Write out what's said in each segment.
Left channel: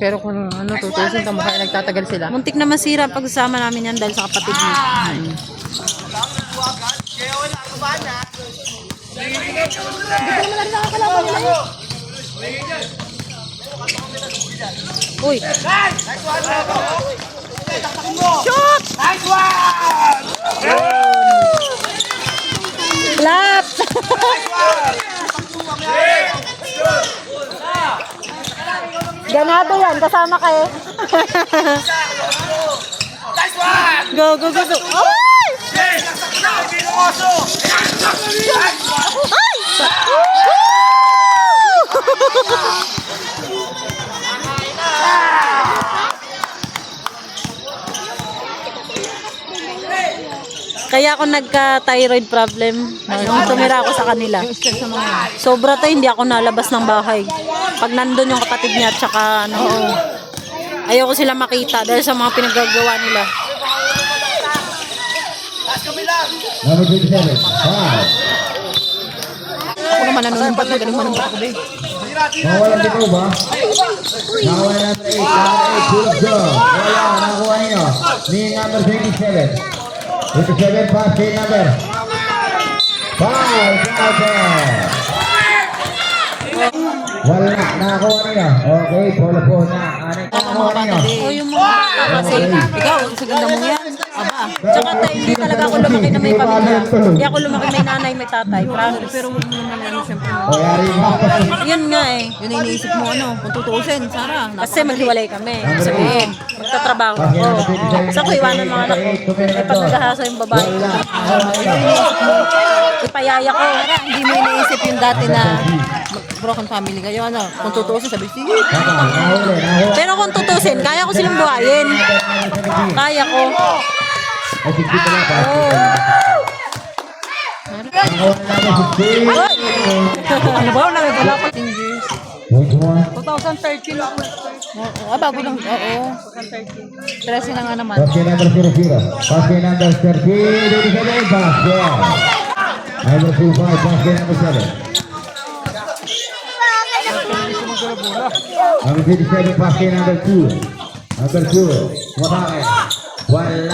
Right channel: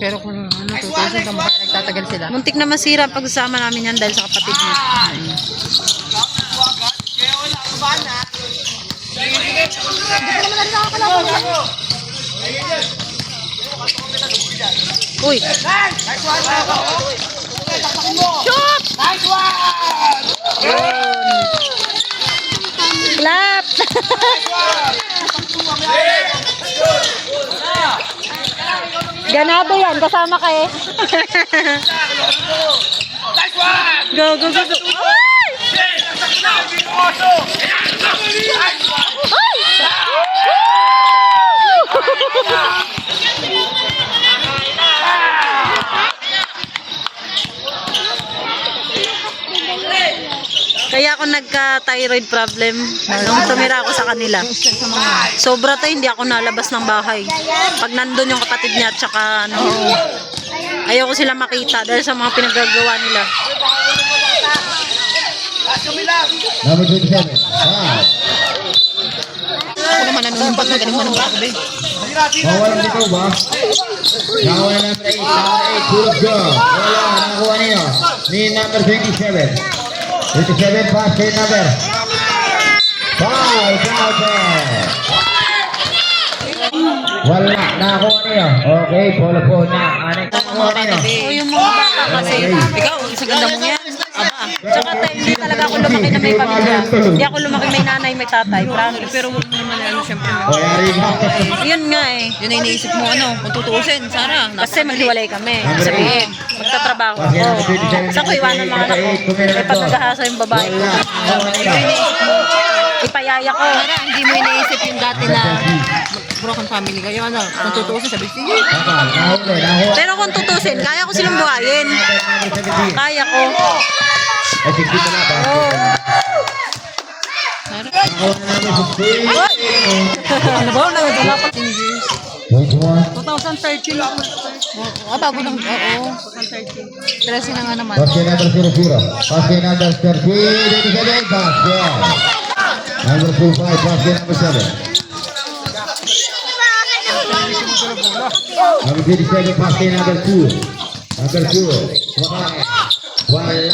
Pero kung ano, tutusin ka mukha nagtatagal sila. Muntik na masira pagsama namin yan dahil sa kapatid niya. Uy! Shoot! Nice one! Clap! Ganado yan, kasama ka eh. Go, go, go, go. Ay! Kaya ako nagka-thyroid problem nung tumira ako sa kanila. Sobra tayo, hindi ako nalabas ng bahay. Pag nandun yung kapatid niya at saka ano, ayoko sila makita dahil sa mga pinaggagawa nila. Number 27. Wow. Ako naman nanunumpat na galing mo ng bako, babe. Nawalan dito ba? Nawalan natin 8. Good job. Wala, nakuha niyo. Ni number 27. 27 pass kay number. Foul, wala, nakuha niyo. Okay, po na. Mga bata, babe. O yung mga bata kasi, Ikaw, sa ganda mo yan. Aba. tsaka tayo, hindi talaga ako lumaki na may pamilya. Hindi ako lumaki may nanay, may tatay, promise. Pero huwag mo naman ano, syempre. Yun nga eh. Yun ay iniisip mo, ano, kung tutuusin, Sarah. Kasi maghiwalay kami. Sabihin, magtatrabaho ako. Sa ko iwanan mga anak ko. Eh pag naghahasa yung babae ko, ipayaya ko. Sarah, hindi mo iniisip yung dati na broken family kayo, ano. Kung tutuusin, sabi, sige. Pero kung tutusin, kaya ko silang buhayin. Kaya ko. Ayun. Hoy! Ano ba? Wala pa. 2013 lang. Bago lang. Oo. 13 na nga naman. Basket number 00. Basket number 13. Basket. Number 25. Basket number 7. Number 27. Basket number 2. Number 2. Wala.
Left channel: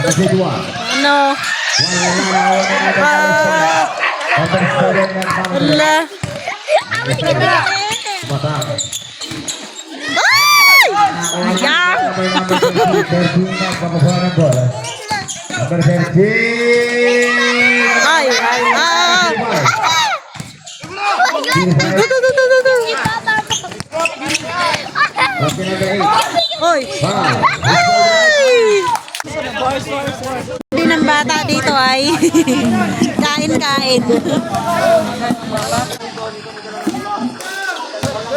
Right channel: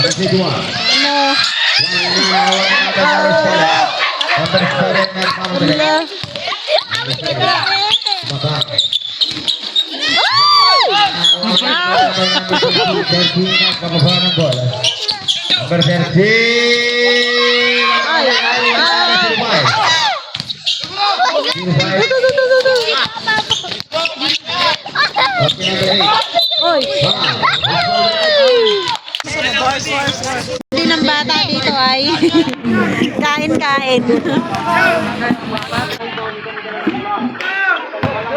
Number 2. Ano? Number 7 ng Pamela. Ule. Ayan. Number 13. Ay, ay, ay. Hoy. Hindi ng bata dito ay kain-kain.